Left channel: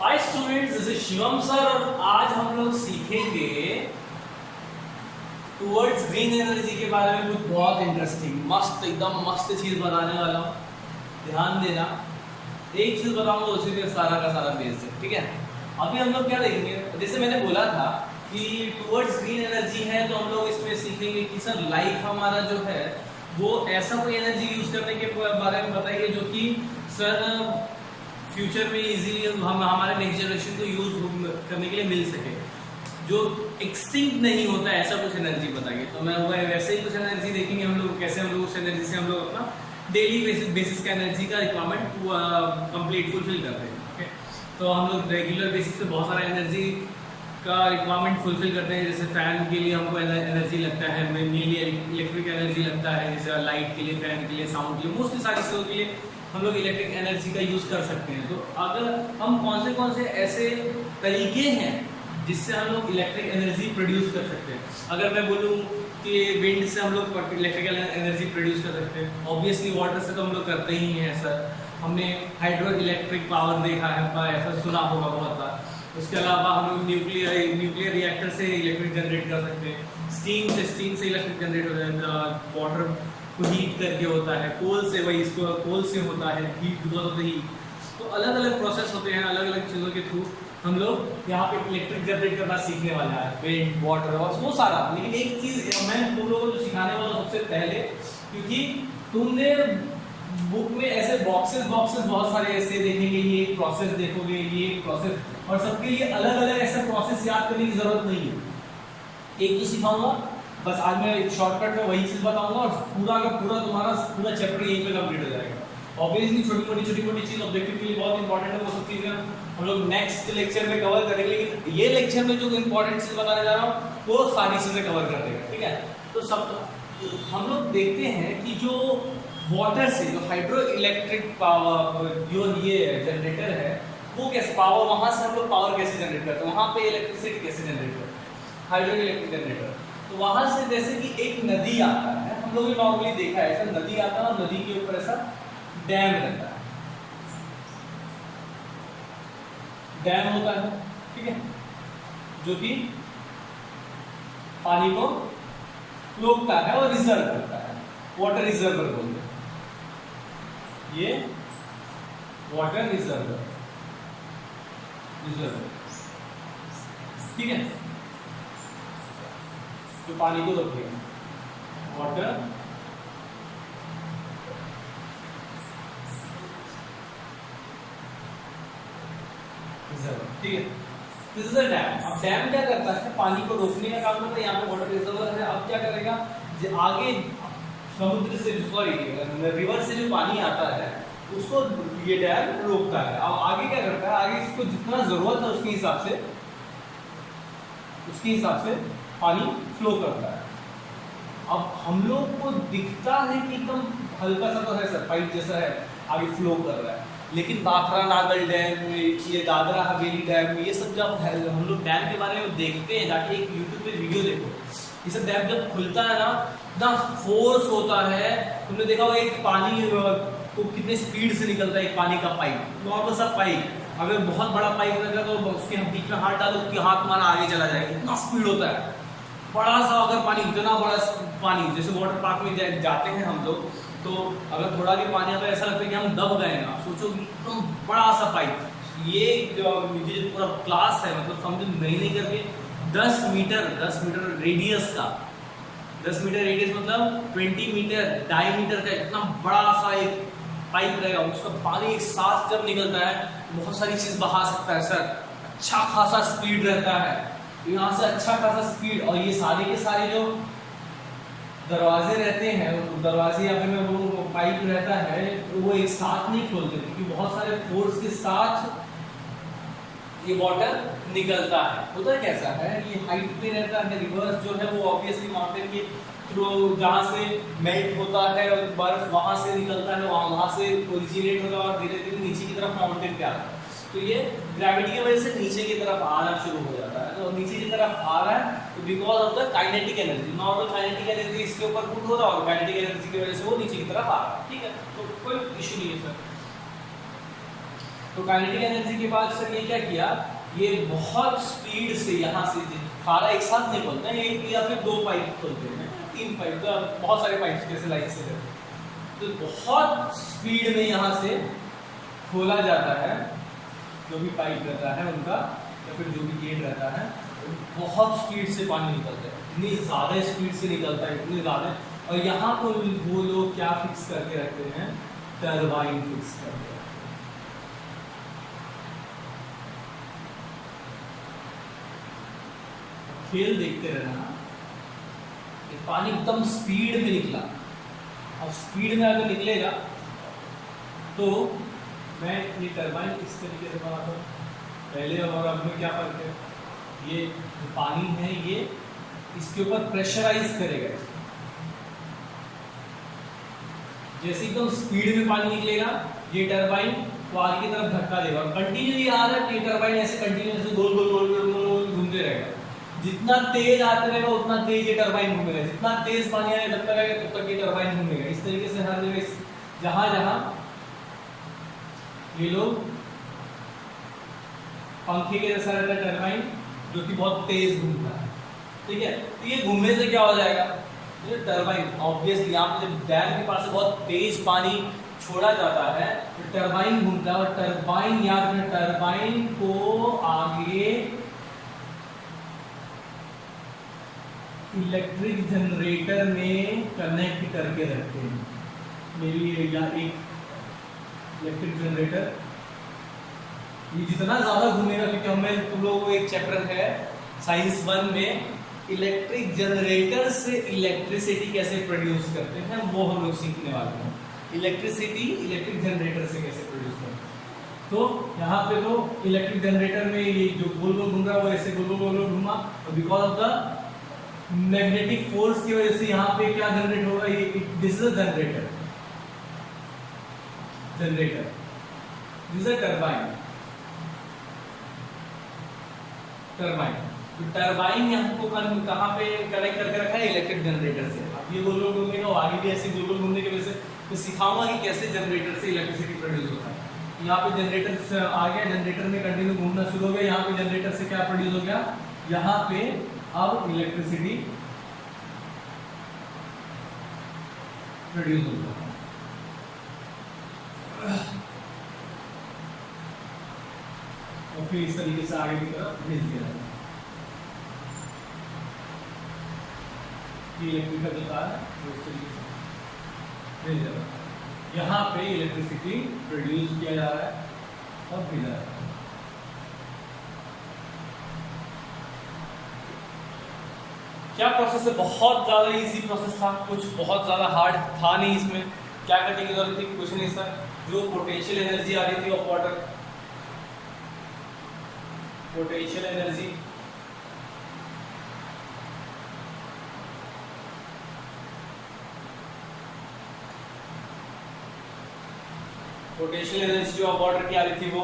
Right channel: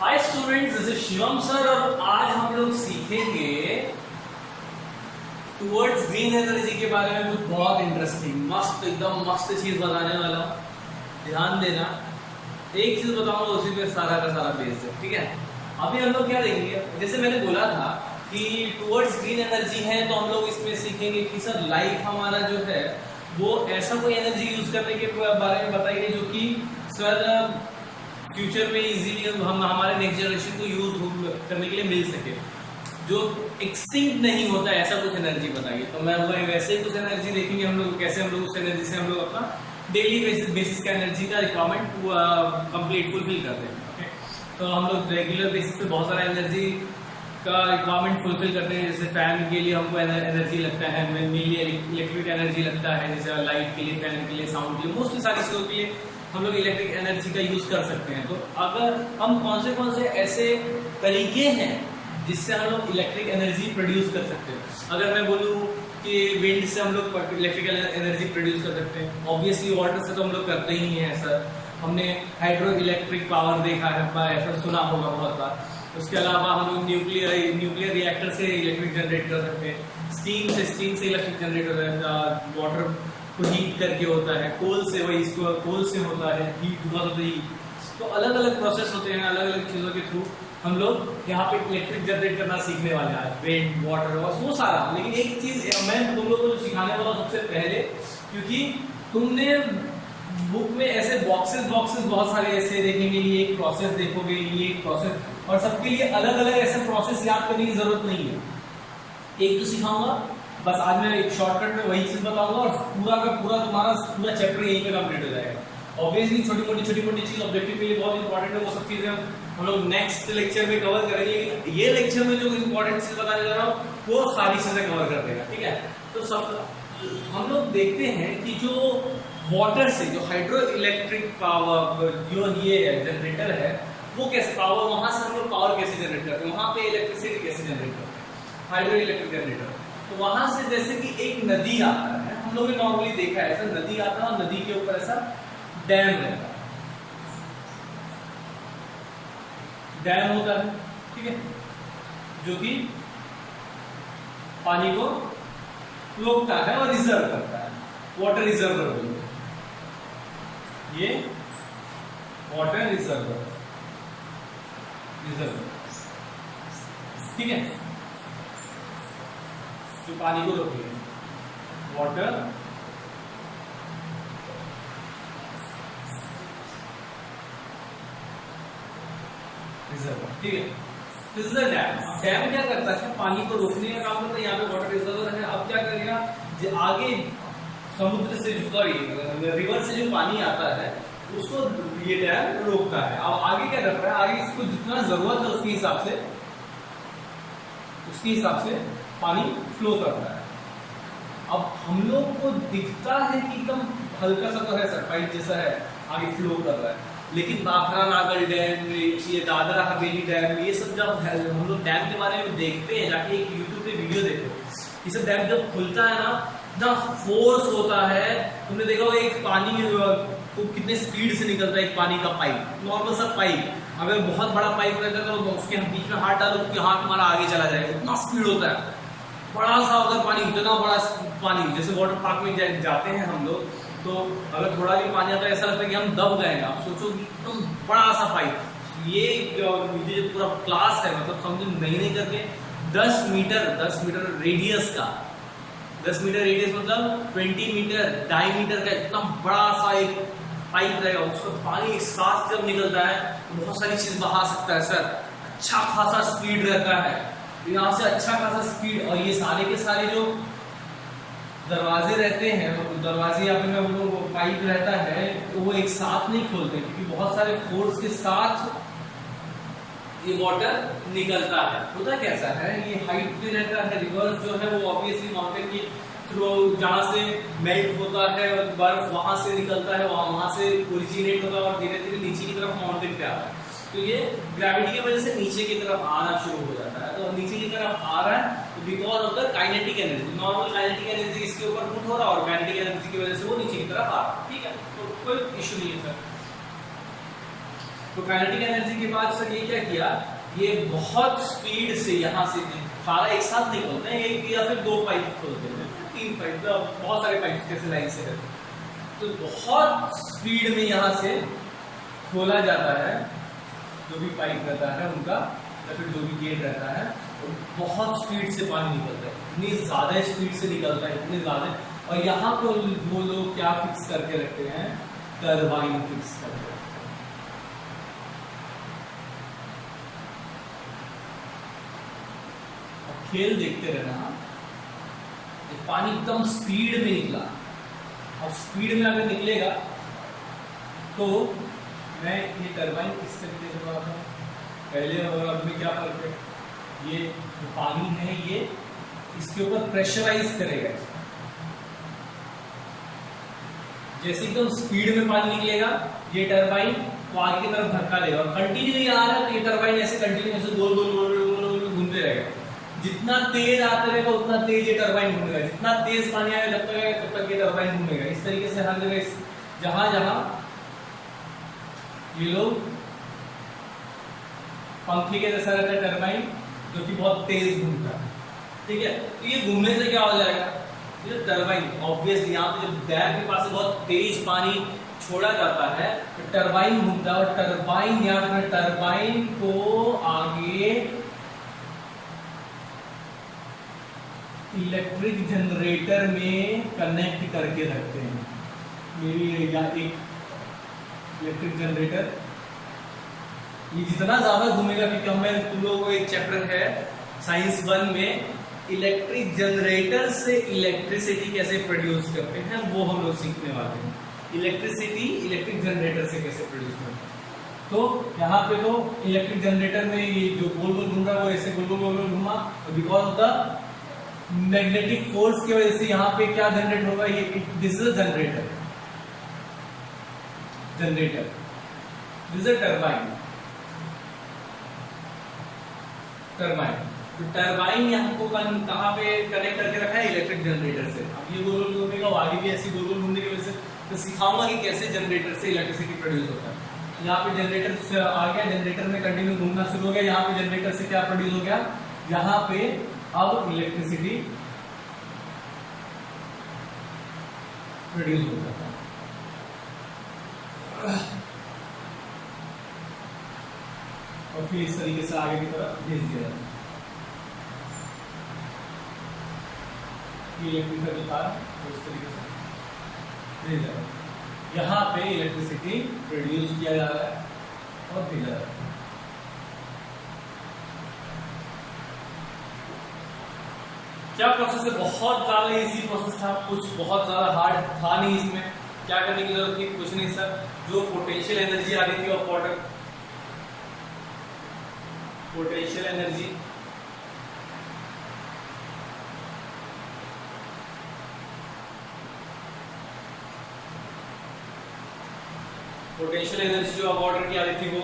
Hi students, this is Shivam sir और आज हम लोग सीखेंगे टुवर्ड्स ग्रीन एनर्जी के बारे में कुछ बहुत इंटरेस्टिंग मस्त एकदम मस्त चीज़ बताने वाला हूँ। ध्यान देना, एक चीज़ बताऊंगा उसी में सारा का सारा बेस है, ठीक है। अभी हम लोग क्या देखेंगे, जैसे मैंने बोला था कि टुवर्ड्स ग्रीन एनर्जी है तो हम लोग इसमें सीखेंगे कि सर लाइफ हमारा जो है वो ऐसा कोई एनर्जी यूज़ करने के बारे में बताइए जो कि सर फ्यूचर में इजीली हम हमारे नेक्स्ट जनरेशन को यूज़ करने के लिए मिल सके, जो एक्सटिंक्ट नहीं होता है, ऐसा कुछ एनर्जी बताइए। तो मैं वैसे ही कुछ एनर्जी देखेंगे हम लोग, कैसे हम लोग उस एनर्जी से हम लोग अपना डेली बेसिस का एनर्जी का रिक्वायरमेंट कंप्लीट फुलफिल करते हैं। ओके, तो हम लोग रेगुलर बेसिस पे बहुत सारा एनर्जी का रिक्वायरमेंट फुलफिल करते हैं। जैसे फ़ैन के लिए हमको एनर्जी लगता है, मेनली इलेक्ट्रिक एनर्जी लगता है, जैसे लाइट के लिए, फ़ैन के लिए, साउंड के लिए, मोस्टली सारी चीज़ों के लिए हम लोग इलेक्ट्रिक एनर्जी का यूज़ कर सकते हैं। तो अगर हम कौन से ऐसे तरीके हैं जिससे हम लोग इलेक्ट्रिक एनर्जी प्रोड्यूस कर सकते हैं। अगर मैं बोलूँ कि विंड से हम लोग इलेक्ट्रिकल एनर्जी प्रोड्यूस कर सकते हैं, ऑब्वियसली वाटर से तो हम लोग करते ही हैं सर। हमने हाइड्रो इलेक्ट्रिक पावर देखा है, ऐसा सुना होगा बहुत बार। उसके अलावा हम लोग न्यूक्लियर रिएक्टर से इलेक्ट्रिक जनरेट कर सकते हैं, स्टीम से इलेक्ट्रिक जनरेट होता है, वाटर को हीट करके होता है, कोल से, वही इसको कोल से होता है heat because of the heat. तो अलग अलग प्रोसेस होते हैं, अलग अलग चीज़ों के थ्रू हम लोग यहाँ पे इलेक्ट्रिक जनरेट करना सीखने वाले हैं आज, विंड, वाटर और वो सारा। लेकिन एक चीज़ मैं तुम लोगों को जो सिखाने वाला हूँ सबसे पहले, क्योंकि तुमने बुक में ऐसे बॉक्सेस बहुत सारे ऐसे देखेंगे, ये एक प्रोसेस देखोगे, ये एक प्रोसेस, और सबके लिए अलग अलग ऐसे प्रोसेस याद करने की ज़रूरत नहीं है। एक तो सिखाऊंगा बस, आज मैं एक शॉर्टकट में वही चीज़ बताऊंगा और पूरा का पूरा तुम्हारा पूरा चैप्टर यहीं पे कंप्लीट हो जाएगा। ऑब्वियसली छोटी मोटी चीज़ ऑब्जेक्टिव के लिए बहुत इंपॉर्टेंट है, वो सब चीज़ें हम लोग नेक्स्ट लेक्चर में कवर करेंगे। लेकिन ये लेक्चर में जो इंपॉर्टेंट चीज़ बताने जा रहा हूँ वो सारी चीज़ें कवर कर देगा, ठीक है। तो सब हम लोग देखते हैं कि जो वाटर से जो हाइड्रो इलेक्ट्रिक पावर जो ये जनरेटर है वो कैसे पावर, वहाँ से हम लोग पावर कैसे जनरेट करते हैं, वहाँ पे इलेक्ट्रिसिटी कैसे जनरेट करते हैं, हाइड्रो इलेक्ट्रिक जनरेटर। तो वहाँ से जैसे कि एक नदी आता है, हम लोग ने नॉर्मली देखा है ऐसा नदी आता है और नदी के ऊपर ऐसा डैम रहता है, डैम होता है, ठीक है, जो कि पानी को रोकता है और रिजर्व करता है, वाटर रिजर्वर बोलते हैं, ये वाटर रिजर्वर, ठीक है, जो पानी को रोकेगा, वाटर रिजर्वर, ठीक है। This is a dam. अब डैम क्या करता है, पानी को रोकने का काम करता है। यहाँ पे वाटर रिजर्वर है, अब क्या करेगा, जो आगे समुद्र से, सॉरी रिवर से जो पानी आता है उसको ये डैम रोकता है। अब आगे क्या करता है, आगे इसको जितना ज़रूरत है उसके हिसाब से पानी फ्लो करता है। अब हम लोग को दिखता है कि एकदम हल्का सा तो है सर, पाइप जैसा है, आगे फ्लो कर रहा है, लेकिन बाखरा नागल डैम, ये दादरा हवेली डैम, ये सब जब हम लोग डैम के बारे में देखते हैं, जाके एक यूट्यूब पे वीडियो देखो, ये सब डैम जब खुलता है ना, इतना फोर्स होता है। तुमने देखा होगा एक पानी तो कितने स्पीड से निकलता है एक पानी का पाइप, नॉर्मल सा पाइप, अगर बहुत बड़ा पाइप रहता है तो उसके बीच में हाथ डालो, उसके हाथ तुम्हारा आगे चला जाएगा, इतना स्पीड होता है। बड़ा सा अगर पानी, इतना बड़ा पानी, जैसे वाटर पार्क में जाते हैं हम लोग, तो अगर थोड़ा भी पानी आता है ऐसा लगता है कि हम दब गए। आप सोचो कि एकदम बड़ा सा पाइप, ये पूरा क्लास है, मतलब समझो नहीं करके 10 मीटर रेडियस का, 10 मीटर रेडियस मतलब 20 मीटर डायमीटर का इतना बड़ा सा एक पाइप रहेगा, उसका पानी एक साथ जब निकलता है तो बहुत सारी चीज़ बहा सकता है सर, अच्छा खासा स्पीड रहता है, यहाँ से अच्छा खासा स्पीड। और ये सारे के सारे जो दरवाजे रहते हैं, दरवाजे या फिर मैं बोलूँ वो पाइप रहता है, तो वो एक साथ नहीं खोलते, क्योंकि बहुत सारे फोर्स के साथ ये वाटर निकलता है। होता कैसा है, ये हाइट पे रहता है, रिवर्स जो है वो ऑब्वियसली माउंटेन के थ्रू, जहाँ से मेल्ट होता है बर्फ, वहाँ से निकलता है, वहाँ से ओरिजिनेट होता है और धीरे धीरे नीचे की तरफ माउंटेन पे आता है। तो ये ग्रेविटी की वजह से नीचे की तरफ आना शुरू हो जाता है। तो नीचे की तरफ आ रहा है तो because of the kinetic energy, normal kinetic energy इसके ऊपर पुट हो रहा है और काइनेटिक एनर्जी की वजह से वो नीचे की तरफ आ रहा है, ठीक है। तो कोई इशू नहीं है सर। तो काइनेटिक एनर्जी के बाद सर ये क्या किया, ये बहुत स्पीड से यहाँ से सारा एक साथ नहीं खोलते हैं, एक या फिर 2 पाइप खोलते हैं, 3 पाइप, तो बहुत सारे पाइप कैसे लाइन से रहते हैं, तो बहुत स्पीड में यहाँ से खोला जाता है, जो भी पाइप रहता है उनका या फिर जो भी गेट रहता है, तो बहुत स्पीड से पानी निकलता है, इतनी ज़्यादा स्पीड से निकलता है, इतनी ज़्यादा। और यहाँ पर वो लोग क्या फिक्स करके रखते हैं, टरबाइन फिक्स करके रखते हैं। खेल देखते रहना, पानी एकदम स्पीड में निकला, और स्पीड में अगर निकलेगा तो मैं ये टरबाइन किस तरीके से बनाता हूँ, पहले और अब में क्या फर्क है, ये जो पानी है ये इसके ऊपर प्रेशराइज करेगा, जैसे एकदम स्पीड में पानी निकलेगा ये टरबाइन तो आगे की तरफ धक्का देगा, और कंटिन्यू आ रहा है तो ये टरबाइन ऐसे कंटिन्यू ऐसे गोल गोल गोल गोल गोल घूमते रहेगा, जितना तेज आते रहेगा उतना तेज ये टरबाइन घूमेगा, जितना तेज पानी आएगा जब तक आएगा तब तक ये टरबाइन घूमेगा। इस तरीके से हर जगह जहाँ जहाँ ये लोग पंखे के जैसा रहता है टरबाइन, जो कि बहुत तेज घूमता है, ठीक है। तो ये घूमने से क्या हो जाएगा, ये टरबाइन ऑब्वियसली यहाँ पे जब डैम के पास से बहुत तेज पानी छोड़ा जाता है तो टरबाइन घूमता है, और टरबाइन याद रखना, टरबाइन को आगे इलेक्ट्रिक जनरेटर में कनेक्ट करके रखते हैं। मेरी या एक इलेक्ट्रिक जनरेटर ये जितना ज़्यादा घूमेगा, क्योंकि हमें तुम लोगों को एक चैप्टर है साइंस 1 में इलेक्ट्रिक जनरेटर से इलेक्ट्रिसिटी कैसे प्रोड्यूस करते हैं, वो हम लोग सीखने वाले हैं। इलेक्ट्रिसिटी इलेक्ट्रिक जनरेटर से कैसे प्रोड्यूस करते हैं, तो यहाँ पे तो इलेक्ट्रिक जनरेटर में ये जो गोल गोल घूम रहा है वो ऐसे गोल गोल गोल घूमा, और because of the magnetic force की वजह से यहाँ पे क्या जनरेट होगा, ये this is a generator, this is a turbine, तो टरबाइन यहाँ को कहाँ पे कनेक्ट करके रखा है, इलेक्ट्रिक जनरेटर से। अब ये गोल गोल घूमेगा, आगे भी ऐसे गोल गोल घूमने की वजह से तो सिखाऊंगा कि कैसे जनरेटर से इलेक्ट्रिसिटी प्रोड्यूस होता है। यहाँ पे जनरेटर से आ गया, जनरेटर में कंटिन्यू घूमना शुरू हो गया, यहाँ पे जनरेटर से क्या प्रोड्यूस हो गया, यहाँ पे अब इलेक्ट्रिसिटी प्रोड्यूस होता है। और फिर इस तरीके से आगे की तरफ भेज दिया जाता है। ये इलेक्ट्रिक का जो तार है वो इस तरीके से भेज जा रहा है, यहाँ पे इलेक्ट्रिसिटी प्रोड्यूस किया जा रहा है और भेजा जा रहा है। क्या प्रोसेस है, बहुत ज़्यादा इजी प्रोसेस था, कुछ बहुत ज़्यादा हार्ड था नहीं इसमें, क्या करने की जरूरत थी, कुछ नहीं सर, जो पोटेंशियल एनर्जी आ रही थी ऑफ वाटर, पोटेंशियल एनर्जी जो वाटर की आ रही थी वो,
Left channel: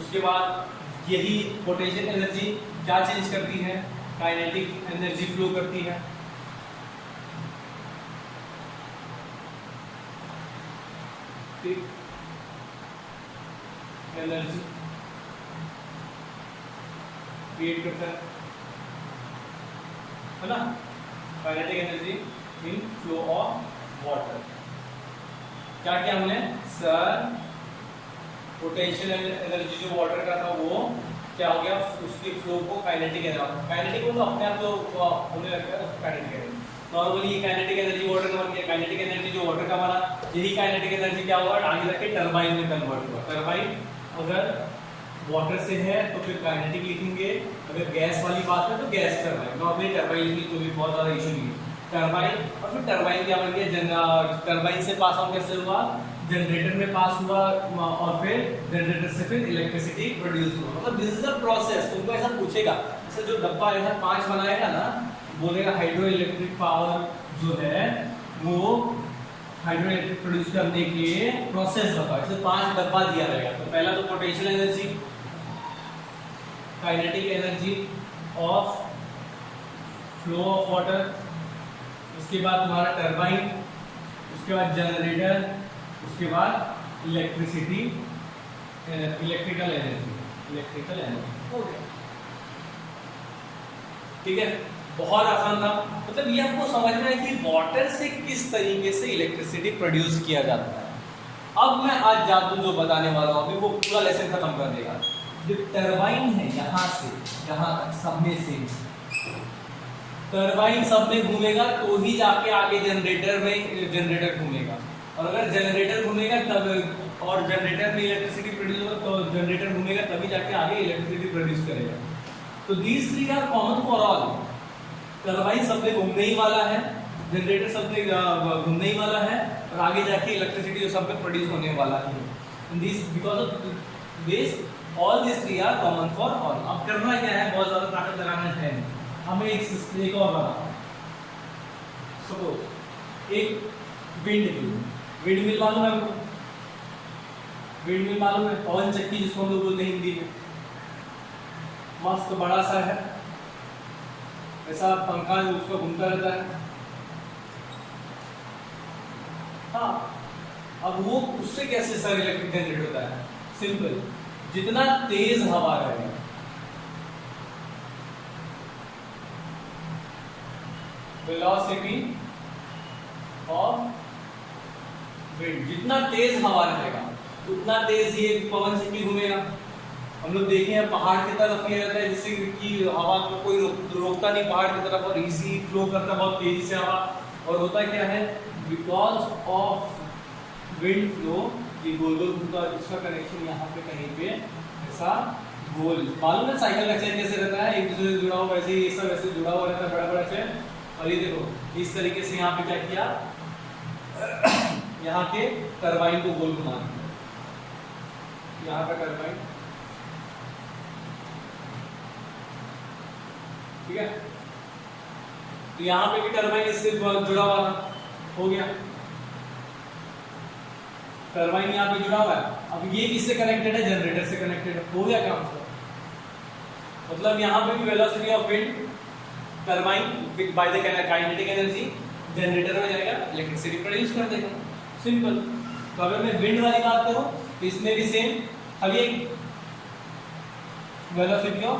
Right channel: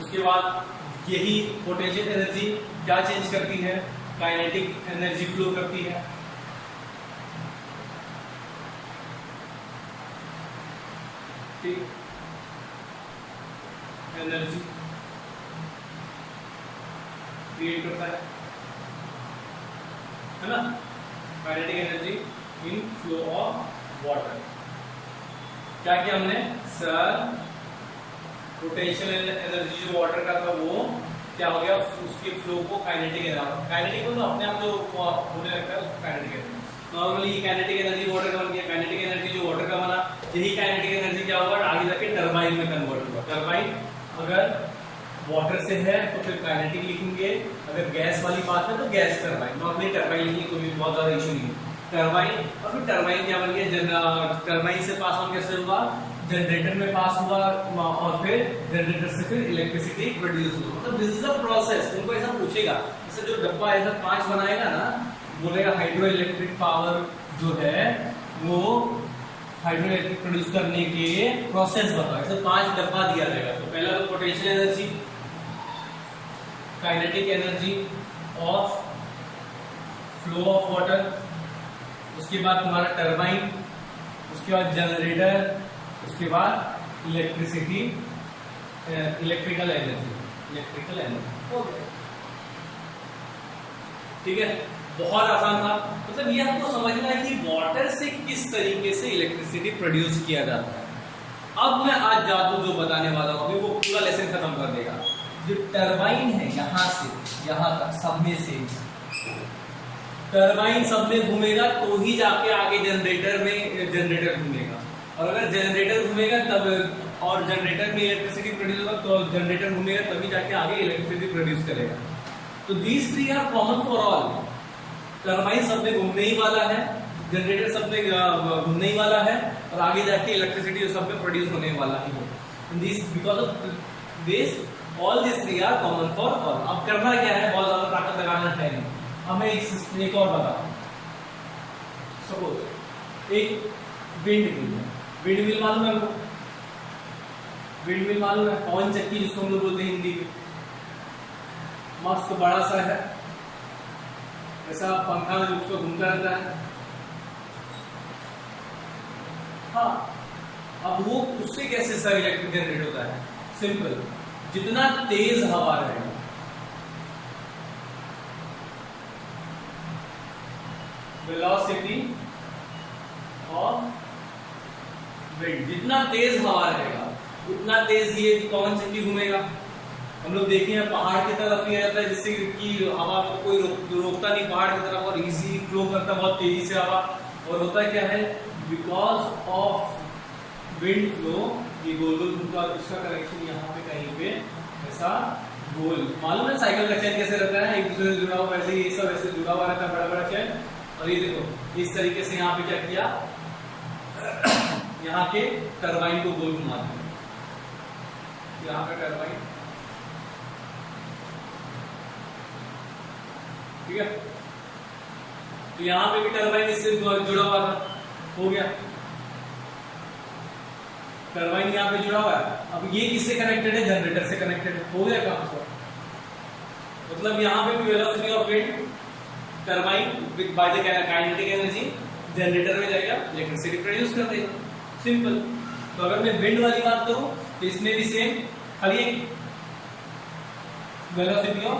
उसके बाद यही पोटेंशियल एनर्जी क्या चेंज करती है, काइनेटिक एनर्जी फ्लो करती है। ठीक, एनर्जी क्रिएट करता है ना, kinetic energy in flow of water. क्या किया हमने सर, पोटेंशियल एनर्जी जो वाटर का था वो क्या हो गया, उसके फ्लो को काइनेटिक एनर्जी, काइनेटिक में तो अपने आप तो होने लगता है, उसको kinetic energy, normally kinetic energy water का बन गया, काइनेटिक एनर्जी जो वाटर का बना, यही काइनेटिक एनर्जी क्या हुआ, आगे जाके टरबाइन में कन्वर्ट हुआ। टरबाइन अगर वाटर से है तो फिर काइनेटिक लिखेंगे, अगर गैस वाली बात है तो गैस टरबाइन, नॉर्मली टरबाइन लिखेंगे, कोई बहुत ज़्यादा इशू नहीं है। टरबाइन, और फिर टरबाइन क्या बन गया, टरबाइन से पास ऑन कैसे हुआ, जनरेटर में पास हुआ, और फिर जनरेटर से फिर इलेक्ट्रिसिटी प्रोड्यूस हुआ। मतलब दिस इज अ प्रोसेस। तुमको ऐसा पूछेगा, जैसे जो डब्बा ऐसा 5 बनाएगा ना, बोलेगा हाइड्रो इलेक्ट्रिक पावर जो है वो हाइड्रो इलेक्ट्रिक प्रोड्यूस करने के प्रोसेस बताओ, ऐसे 5 डब्बा दिया रहेगा। तो पहला तो potential energy, kinetic energy of flow of water, उसके बाद तुम्हारा टरबाइन, उसके बाद जनरेटर, उसके बाद इलेक्ट्रिसिटी इलेक्ट्रिकल एनर्जी। ओके, ठीक है, बहुत आसान था। मतलब ये हमको समझना है कि वाटर से किस तरीके से इलेक्ट्रिसिटी प्रोड्यूस किया जाता है। अब मैं आज जादू जो बताने वाला हूँ अभी वो पूरा लेसन खत्म कर देगा। जो टरबाइन है यहाँ से यहाँ तक सब में से टरबाइन सब में घूमेगा तो ही जाके आगे जनरेटर घूमेगा, और अगर जनरेटर घूमेगा तब और जनरेटर में इलेक्ट्रिसिटी प्रोड्यूस होगा तो जनरेटर घूमेगा तभी जाके आगे इलेक्ट्रिसिटी प्रोड्यूस करेगा। तो these three are common for all. Turbine सब में घूमने ही वाला है, जनरेटर सब में घूमने ही वाला है, और आगे जाके इलेक्ट्रिसिटी सब में प्रोड्यूस होने वाला ही है। This because of this all this three are common for all. अब करना क्या है, बहुत ज़्यादा ताकत लगाना है नहीं। हमें एक और बताता हूँ। सपोज एक विंड मिल मालूम है, विंड मिल मालूम है, पवन चक्की जिसको हम लोग बोलते हैं हिंदी में। मस्त बड़ा सा है, जैसा पंखा उसको घूमता रहता है। हाँ, अब वो उससे कैसे सर इलेक्ट्रिक जनरेट होता है? सिंपल, जितना तेज हवा रहेगा वेलोसिटी ऑफ विंड, जितना तेज हवा रहेगा उतना तेज ये पवन चक्की घूमेगा। हम लोग देखे हैं पहाड़ की तरफ ये रहता है जिससे कि हवा को कोई रोकता नहीं पहाड़ की तरफ, और इजी फ्लो करता है बहुत तेजी से हवा। और होता क्या है, बिकॉज ऑफ विंड फ्लो ये गोल गोल घूमता है। इसका कनेक्शन यहाँ पे कहीं पे ऐसा गोल, मालूम है साइकिल का चेन कैसे रहता है, एक दूसरे से जुड़ा हुआ, वैसे ही ये सब ऐसे जुड़ा हुआ रहता है, बड़ा बड़ा चेन। और ये देखो इस तरीके से यहाँ पे क्या किया, यहाँ के टरबाइन को गोल घुमा दिया, यहाँ का टरबाइन, ठीक है। तो यहाँ पे भी टरबाइन इससे जुड़ा हुआ था, हो गया टरबाइन यहाँ पे जुड़ा हुआ है। अब ये किससे कनेक्टेड है, जनरेटर से कनेक्टेड है, हो गया काम। मतलब यहाँ पे भी velocity of wind turbine by the kinetic energy generator में जाएगा, इलेक्ट्रिसिटी प्रोड्यूस कर देगा, सिंपल। तो अगर मैं विंड वाली बात करूं तो इसमें भी सेम, खाली एक वेलोसिटी ऑफ,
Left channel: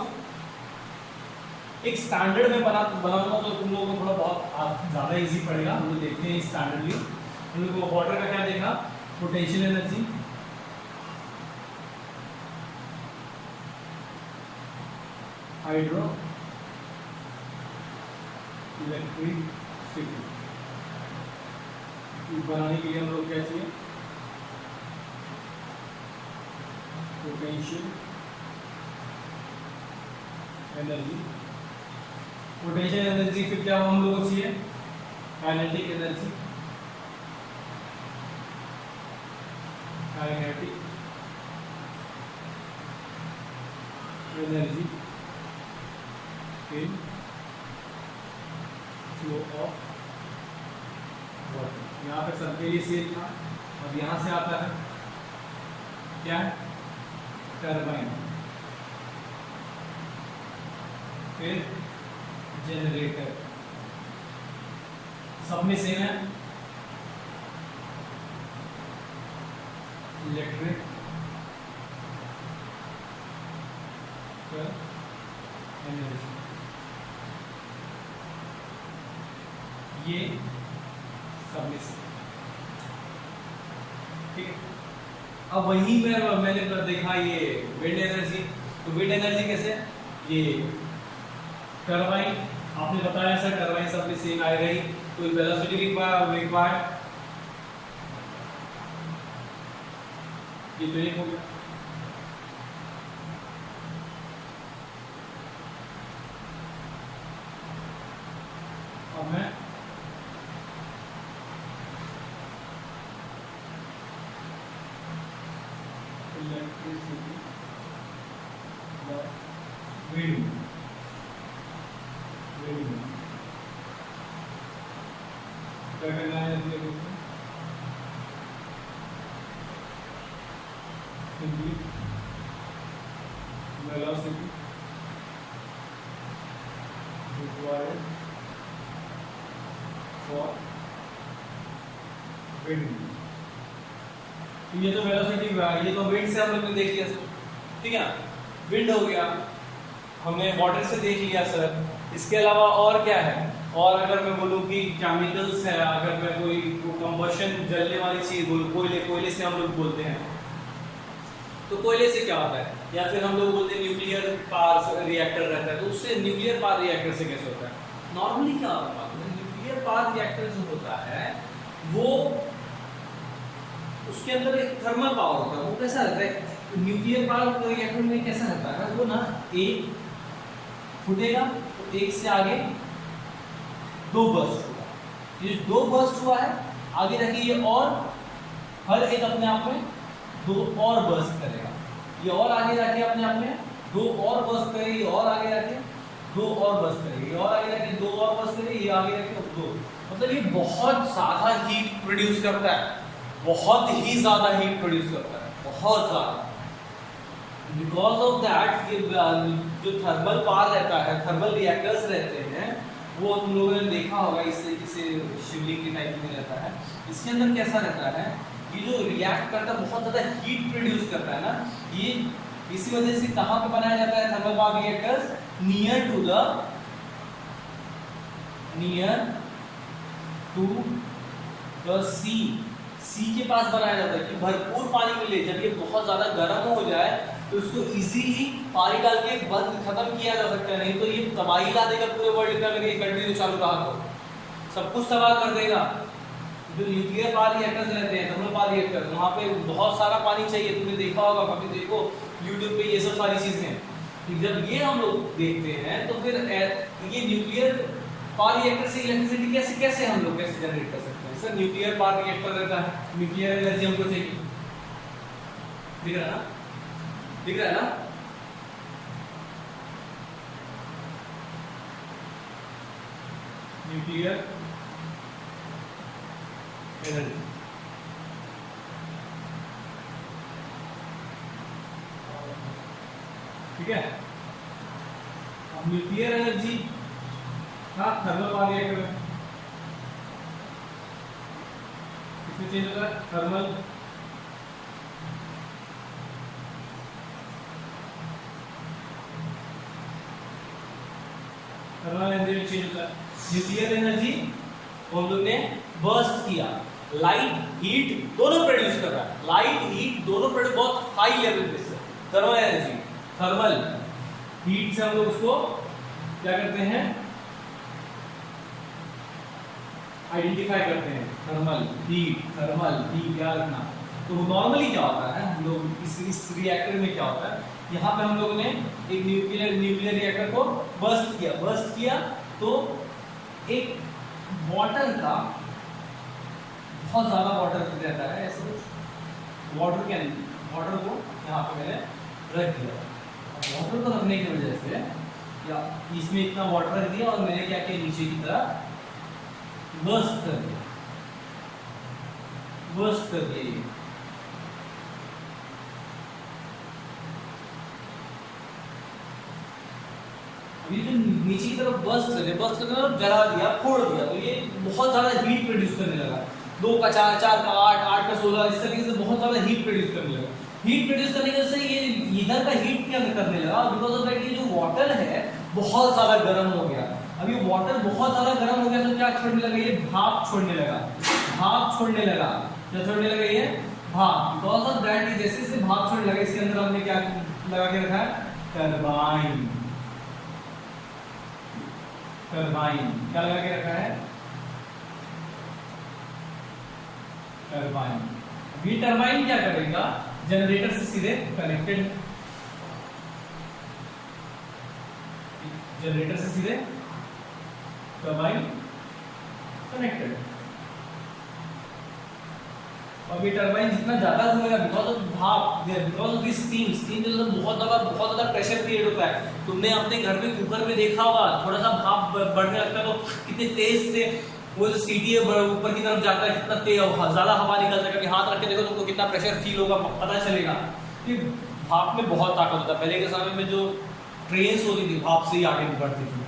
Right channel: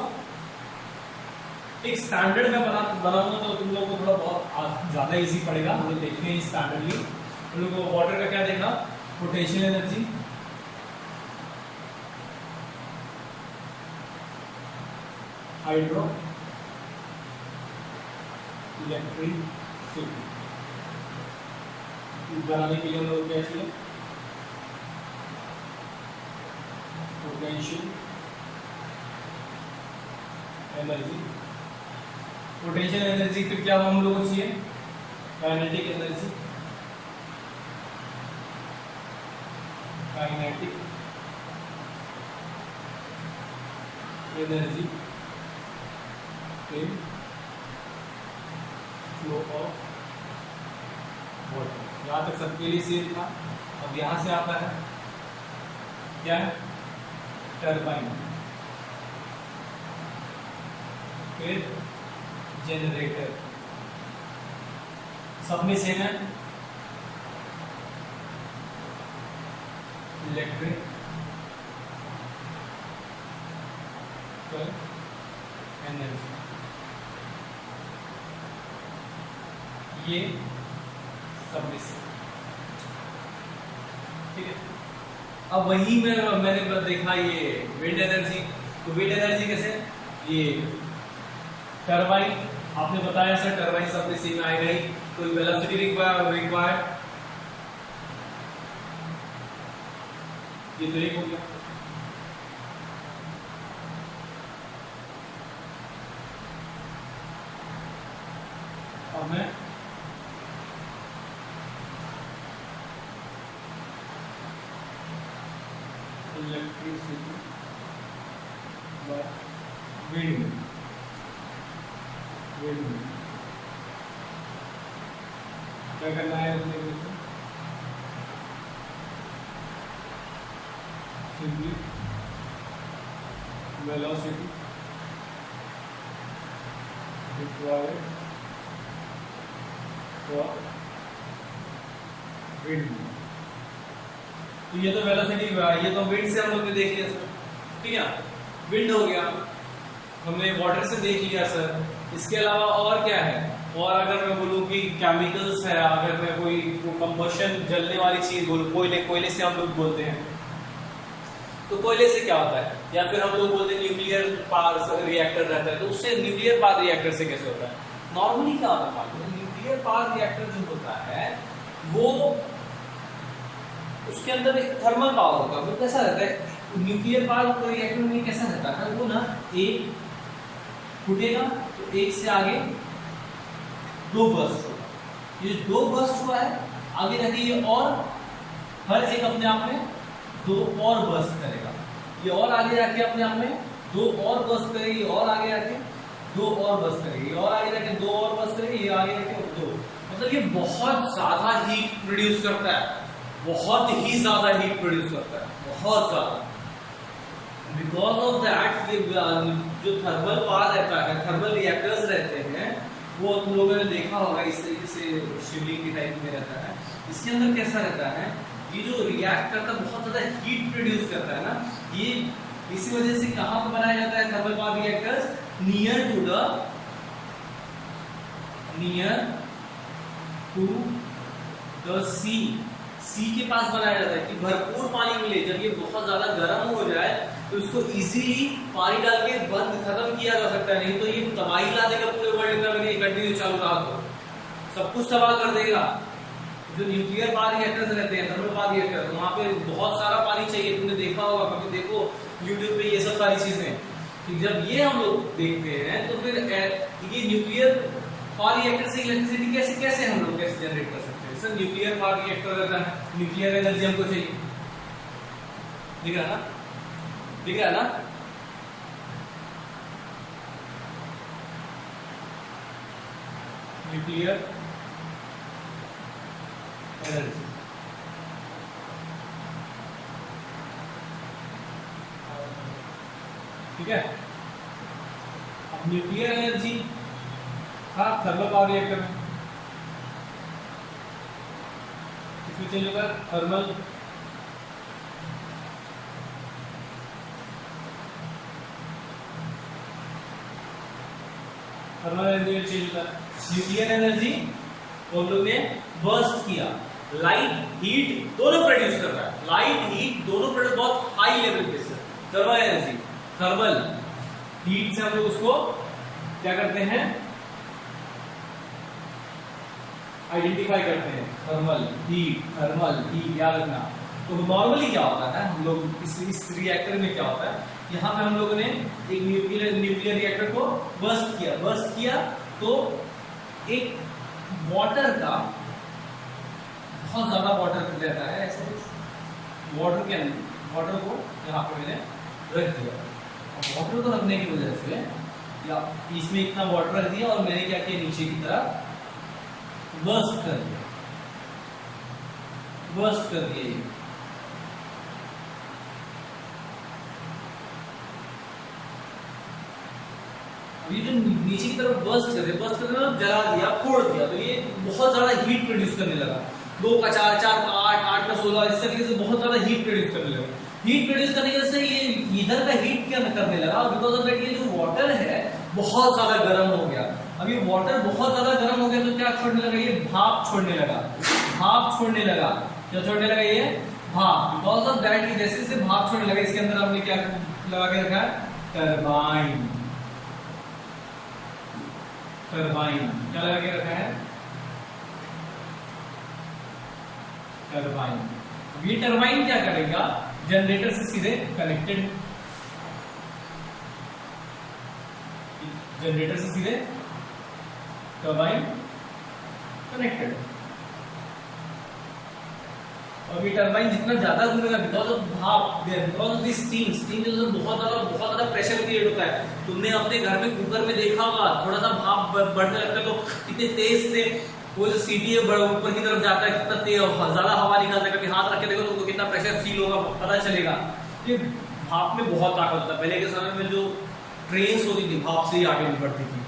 एक स्टैंडर्ड में बनाऊंगा तो तुम लोगों को थोड़ा बहुत ज़्यादा इजी पड़ेगा। हम लोग देखते हैं स्टैंडर्डली। हम लोग को वाटर का क्या देखा, पोटेंशियल एनर्जी, हाइड्रो इलेक्ट्रिसिटी बनाने के लिए हम लोग क्या चाहिए, पोटेंशियल एनर्जी। पोटेंशियल एनर्जी फिर क्या हम लोग को चाहिए, kinetic energy, kinetic energy in flow of water. यहाँ तक सबके लिए सेम था। अब यहाँ से आता है क्या, टरबाइन, फिर जनरेटर, सब में सेम है, इलेक्ट्रिक एनर्जी, ये सब में सेम, ठीक है। अब वही मैंने देखा ये विंड एनर्जी। तो विंड एनर्जी कैसे, ये टरबाइन आपने बताया सर, टरबाइन सब में सेम आएगा ही, तो वेलोसिटी रिक्वायर्ड, ये तो एक हो गया। अब मैं इलेक्ट्रिसिटी विंड क्या करना है अपने को, simply velocity required for wind तो ये तो वेलोसिटी, ये तो विंड से हम लोग ने देख लिया सर, ठीक है, विंड हो गया, हमने वाटर से देख लिया सर। इसके अलावा और क्या है, और अगर मैं बोलूँ कि केमिकल्स है, अगर मैं कोई कंबशन जलने वाली चीज़ बोलूँ, कोयले से हम लोग बोलते हैं, तो कोयले से क्या होता है, या फिर हम लोग बोलते हैं न्यूक्लियर पावर रिएक्टर रहता है, तो उससे न्यूक्लियर पावर रिएक्टर से कैसे होता है? नॉर्मली क्या होता है मालूम है, न्यूक्लियर पावर रिएक्टर जो होता है वो उसके अंदर एक थर्मल पावर होता है। वो कैसा रहता है न्यूक्लियर पावर रिएक्टर में, कैसा रहता है वो ना, एक फूटेगा तो एक से आगे दो बर्स्ट हुआ, ये दो बर्स्ट हुआ है, आगे रखिए ये, और हर एक अपने आप में दो और बर्स्ट करेगा, ये और आगे जाके अपने आप में दो और बर्स्ट करेगी, और आगे जाके दो और बर्स्ट करेगी, और आगे जाके दो और बर्स्ट करेगी, ये आगे जाके दो, मतलब ये बहुत ज़्यादा हीट प्रोड्यूस करता है, बहुत ही ज़्यादा हीट प्रोड्यूस करता है, बहुत ज़्यादा। बिकॉज ऑफ दैट ये जो थर्मल पावर रहता है, थर्मल रिएक्टर्स रहते हैं, वो तुम लोगों ने देखा होगा, इस तरीके से शिवलिंग के टाइप में रहता है। इसके अंदर कैसा रहता है, ये जो रिएक्ट करता है बहुत ज़्यादा हीट प्रोड्यूस करता है ना, ये इसी वजह से कहाँ पर बनाया जाता है thermal power reactors, near to the sea के पास बनाया जाता है कि भरपूर पानी मिले। जब ये बहुत ज़्यादा गर्म हो जाए तो इसको इजीली पानी डाल के बंद खत्म किया जा सकता है, नहीं तो ये तबाही ला देगा पूरे वर्ल्ड में अगर ये कंटिन्यू चालू रहा तो सब कुछ तबाह कर देगा। जो न्यूक्लियर पावर रिएक्टर्स रहते हैं, थर्मल पावर रिएक्टर, वहाँ पे बहुत सारा पानी चाहिए, तुमने देखा होगा, कभी देखो यूट्यूब पे ये सब सारी चीज़ें। तो जब ये हम लोग देखते हैं तो फिर ये न्यूक्लियर पावर रिएक्टर से इलेक्ट्रिसिटी कैसे हम लोग कैसे जनरेट कर सकते हैं? सर न्यूक्लियर पावर रिएक्टर रहता है, न्यूक्लियर एनर्जी हमको चाहिए, दिख रहा है ना, दिख रहा है ना? न्यूक्लियर एनर्जी, ठीक है। अब न्यूक्लियर एनर्जी था थर्मल पावर रिएक्टर में, इसमें चेंज होता है थर्मल एनर्जी चेंज होता है। न्यूक्लियर एनर्जी हम लोग ने बर्स्ट किया, लाइट हीट दोनों प्रोड्यूस कर रहा है, लाइट हीट दोनों प्रोड्यूस बहुत हाई लेवल पे से। थर्मल एनर्जी, थर्मल हीट से हम लोग उसको क्या करते हैं, आइडेंटिफाई करते हैं, थर्मल हीट याद रखना। तो नॉर्मली क्या होता है, हम लोग इस रिएक्टर में क्या होता है, यहाँ पे हम लोगों ने एक न्यूक्लियर रिएक्टर को बर्स्ट किया तो एक वाटर का बहुत ज़्यादा वाटर रहता है, ऐसा कुछ वाटर को यहाँ पे मैंने रख दिया। वाटर को रखने की वजह से या इसमें इतना वाटर रख दिया और मैंने क्या किया, नीचे की तरफ बर्स्ट कर दिया ये। ये जो नीचे की तरफ बर्स्ट करने मतलब जला दिया, फोड़ दिया, तो ये बहुत ज़्यादा हीट प्रोड्यूस करने लगा, 2 का 4, 4 का 8, 8 का 16, इस तरीके से बहुत ज़्यादा हीट प्रोड्यूस करने लगा। हीट प्रोड्यूस करने की वजह से ये ईंधन का हीट क्या करने लगा, बिकॉज ऑफ दैट ये जो वाटर है बहुत ज़्यादा गर्म हो गया। अब ये वाटर बहुत ज़्यादा गर्म हो गया तो क्या छोड़ने लगा, ये भाप छोड़ने लगा, क्या छोड़ने लगा, ये भाप। बिकॉज ऑफ दैट ये जैसे से भाप छोड़ने लगा, इसके अंदर हमने क्या लगा के रखा है, टरबाइन क्या लगा के रखा है, टरबाइन। ये टरबाइन क्या करेगा, जनरेटर से सीधे कनेक्टेड है, जनरेटर से सीधे टरबाइन कनेक्टेड। और ये टरबाइन जितना ज्यादा घूमेगा बिकॉज ऑफ भाप, बिकॉज ऑफ दिस स्टीम जो बहुत ज्यादा प्रेशर क्रिएट होता है। तुमने अपने घर में कुकर में देखा होगा, थोड़ा सा भाप बढ़ने लगता है तो कितने तेज से वो जो सीटी है ऊपर की तरफ जाता है, कितना तेज ज़्यादा हवा निकलता है, कभी हाथ रख के देखो तुमको कितना प्रेशर फील होगा, पता चलेगा। ये भाप में बहुत ताकत होता है। पहले के समय में जो ट्रेन्स होती थी भाप से ही आगे बढ़ती थी,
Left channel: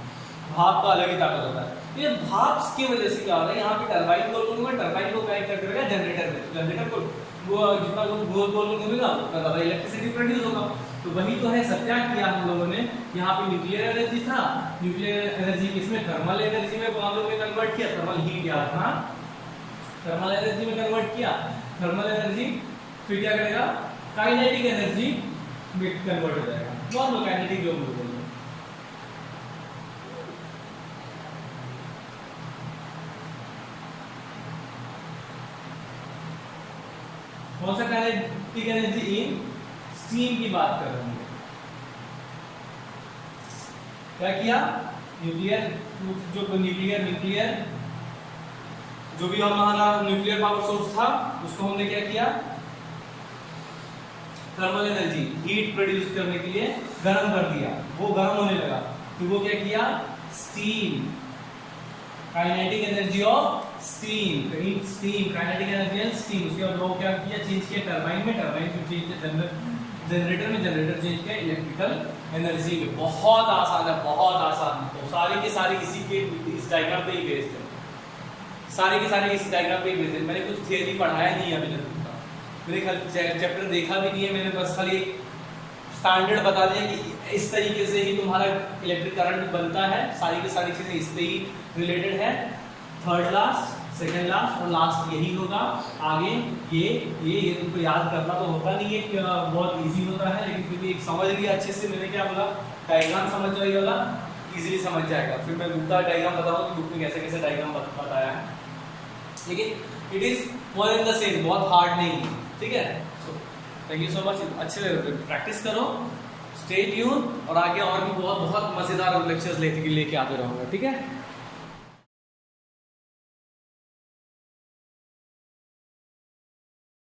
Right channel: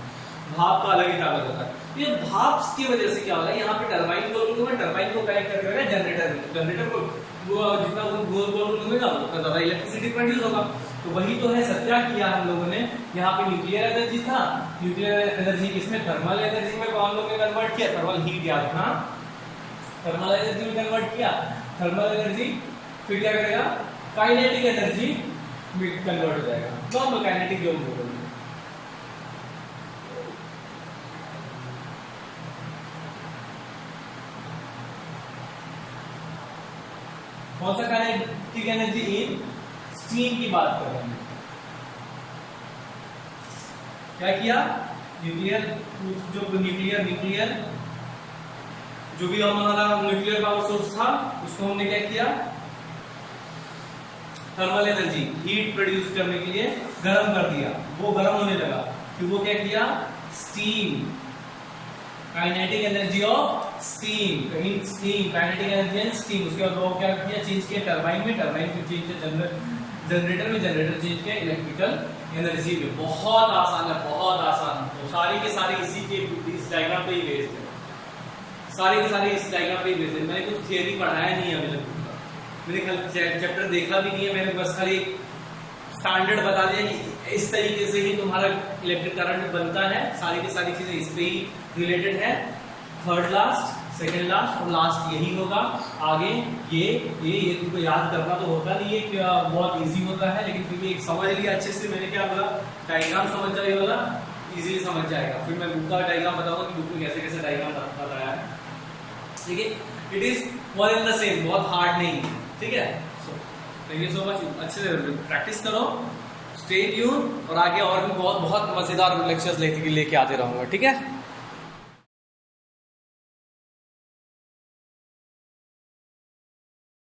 भाप का अलग ही ताकत होता है। ये भाप की वजह से क्या होगा, यहाँ पे टरबाइन गोल गोल घूमेगा, टरबाइन को कनेक्ट करके रखा जनरेटर में, जनरेटर को वो जितना गोल गोल घूमेगा उतना ज़्यादा इलेक्ट्रिसिटी प्रोड्यूस होगा। तो वही तो है सत्या किया हम लोगों ने। यहाँ पे न्यूक्लियर एनर्जी था, न्यूक्लियर एनर्जी इसमें थर्मल एनर्जी में हम लोग ने कन्वर्ट किया, थर्मल हीट याद रखना, थर्मल एनर्जी में कन्वर्ट किया, थर्मल एनर्जी फिर क्या करेगा, काइनेटिक एनर्जी में कन्वर्ट हो जाएगा, नॉर्मल काइनेटिक जो हम लोग कौन सा काइनेटिक एनर्जी इन स्टीम की बात कर रहे हैं। क्या किया, न्यूक्लियर न्यूक्लियर जो भी हमारा न्यूक्लियर पावर सोर्स था उसको हमने क्या किया, थर्मल एनर्जी हीट प्रोड्यूस करने के लिए गर्म कर दिया, वो गर्म होने लगा, फिर वो क्या किया, steam, kinetic energy of steam, कहीं steam, kinetic energy and steam, उसके बाद वो क्या किया, चेंज किया टरबाइन में, टरबाइन फिर चेंज किया जनरेटर में, जनरेटर चेंज किया इलेक्ट्रिकल एनर्जी में। बहुत आसान है, बहुत आसान। तो सारी के सारी इसी के इस डायग्राम पे ही बेस्ड है, सारी के सारी इस डायग्राम पे ही बेस्ड है। मैंने कुछ थियरी पढ़ाया नहीं है अभी तक, मैंने खाली चैप्टर देखा भी नहीं है, मैंने बस खाली स्टैंडर्ड बता दिया कि इस तरीके से ही तुम्हारा इलेक्ट्रिक करंट बनता है, सारी की सारी चीज़ें इस पे ही रिलेटेड है। थर्ड लास्ट, सेकंड लास्ट और लास्ट यही होगा। आगे ये तुमको याद करना तो होता नहीं है कि बहुत इजी होता है, लेकिन फिर भी एक समझ लिया अच्छे से। मैंने क्या बोला, डायग्राम समझ जाए वाला इजीली समझ जाएगा। फिर मैं बुक का डायग्राम बताऊंगा कि बुक में कैसे कैसे डायग्राम बताया है, ठीक है। It is one in the same, बहुत हार्ड नहीं है, ठीक है। So thank you so much, अच्छे लेवल पे प्रैक्टिस करो, स्टे ट्यून, और आगे और भी बहुत बहुत मज़ेदार लेक्चर्स लेके आते रहूँगा, ठीक है।